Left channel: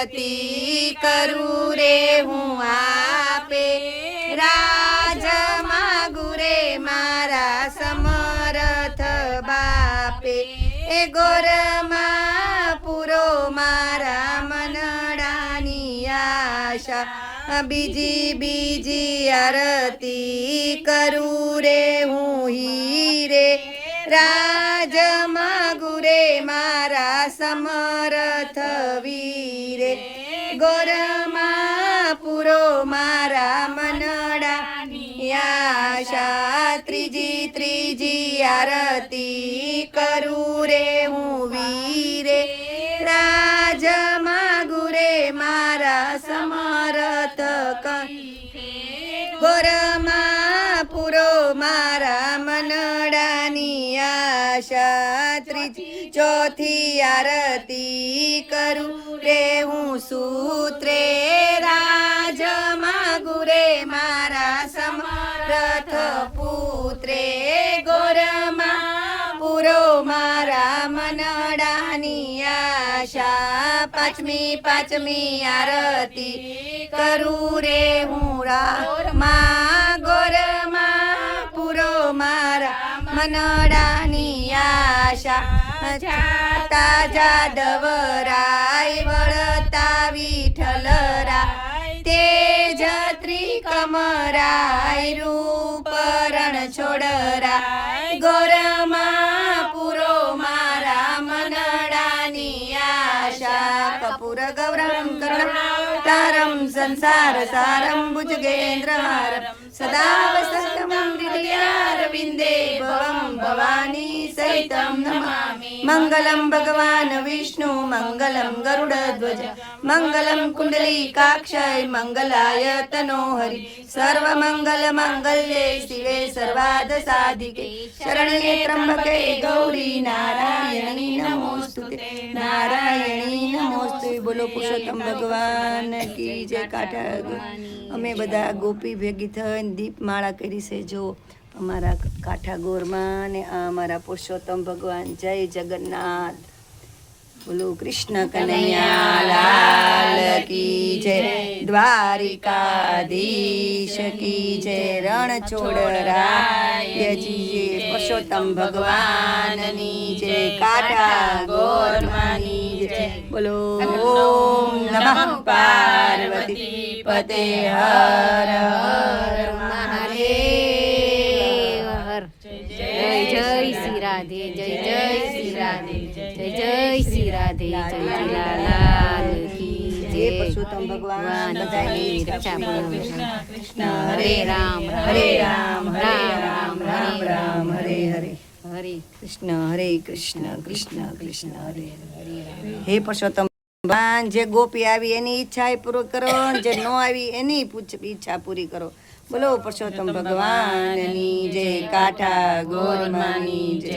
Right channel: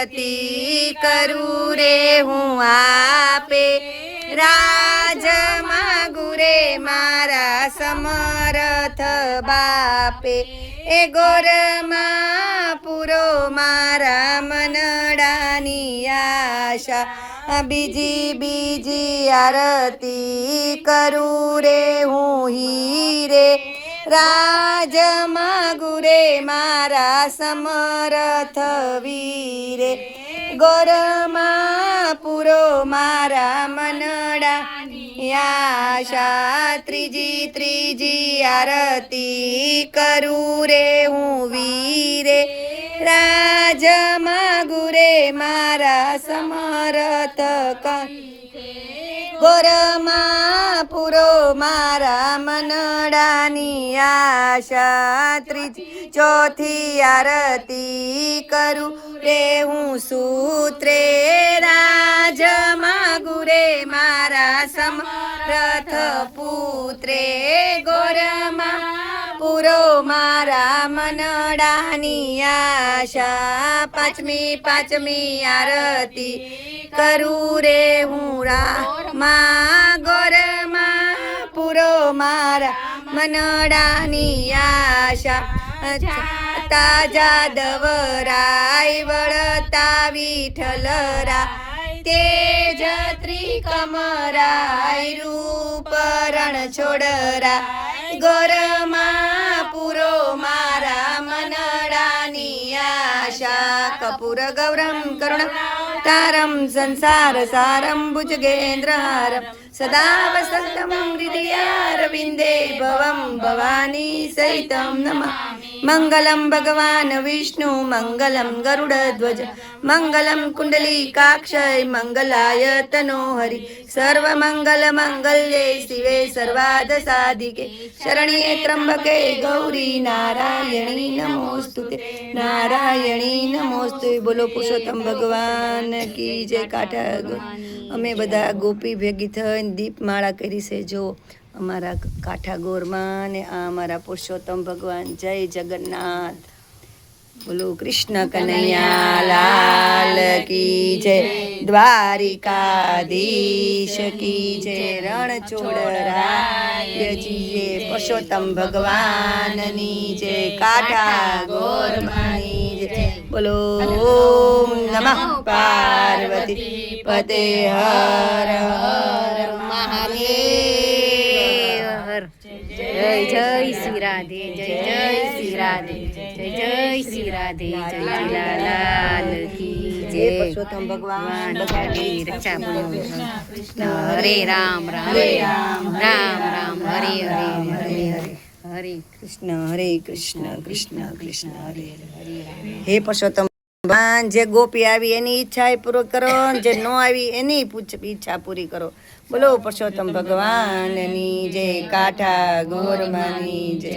આરતી કરું રે હું આપે, રાજ માગુ રે મારા સમર્થ બાપે, એ ગોરમાં પૂરો મારા મનડાની આશા, બીજી આરતી કરું રે હું હીરે, રાજ માગુ રે મારા સમર્થ વીરે, ગોરમાં પૂરો મારા મનડાની આશા, ત્રીજી આરતી કરું રે હું વીરે, રાજ માગુ રે મારા સમર્થ ગોરમાં પૂરો મારા મનડાની આશા, ચોથી આરતી કરું રે હું સૂત્રે, રાજ માગુ રે મારા સમર્થ પુત્રે, ગોરમાં પૂરો મારા મનડાની આશા, પાંચમી આરતી કરું રે હું રામા, ગોરમાં પૂરો મારા મનડાની આશા, જાદવરાય વળતા વિઠ્ઠલરાય, તેજ ત્રિકમરાય રૂપ રણછોડરાય, ગોરમાં પૂરો મારા મનડાની આશા, કપૂર ગૌરમ કરુણાવતારમ સંસાર સારમ ભુજગેન્દ્રહારમ, સદા વસંતમ હૃદયારવિંદે ભવમ ભવાની સહિતમ નમામિ, મંગલમ ભગવાન વિષ્ણુ મંગલમ ગરુડધ્વજ, મંગલમ કુંડલીકાક્ષય મંગલાય તનોહરિ, સર્વમંગલ મંગલ્યે શિવે સર્વાર્થ સાધિકે, શરણ્યે ત્રંબકે ગૌરી નારાયણી નમોસ્તુતે, નારાયણી નમોસ્તુતે. બોલો પુરુષોત્તમ ભગવાન કી જય. કાંઠા અમે બધા ગોપી ભેગી થઈને દીપમાળા કરી છે. જો અમારા કાંઠા ગોરમાં ને આ અમારા પુરુષોત્તમ ભગવાન. જય જગન્નાથ. બોલો કૃષ્ણ કનૈયા લાલ કી જય, દ્વારિકાધીશ કી જય, રણછોડરાયજી જય, પુરુષોત્તમ ભગવાનની જય, કાંઠા ગોરમાની જય. બોલો ઓમ નમઃ પાર્વતી પતે, હર હર મહાદેવ. હર જય જય શ્રી રાધે, જય જય શ્રી રાધે, જય જય શ્રી રાધે, જય લાલ કી જય. પુરુષોત્તમ ભગવાન બધાની રક્ષા કરો. હરે રામ હરે રામ રામ રામ હરે રામ હરે હરે, હરે કૃષ્ણ હરે કૃષ્ણ કૃષ્ણ કૃષ્ણ હરે હરે. હે પુરુષોત્તમ ભગવાન, જે ગોપી આવી એની ઈચ્છા પૂરી કરો, જે ન આવી એની ઈચ્છા પૂરી કરો. બોલો પુરુષોત્તમ ભગવાનની જય, કાંઠા ગોરમાની જય.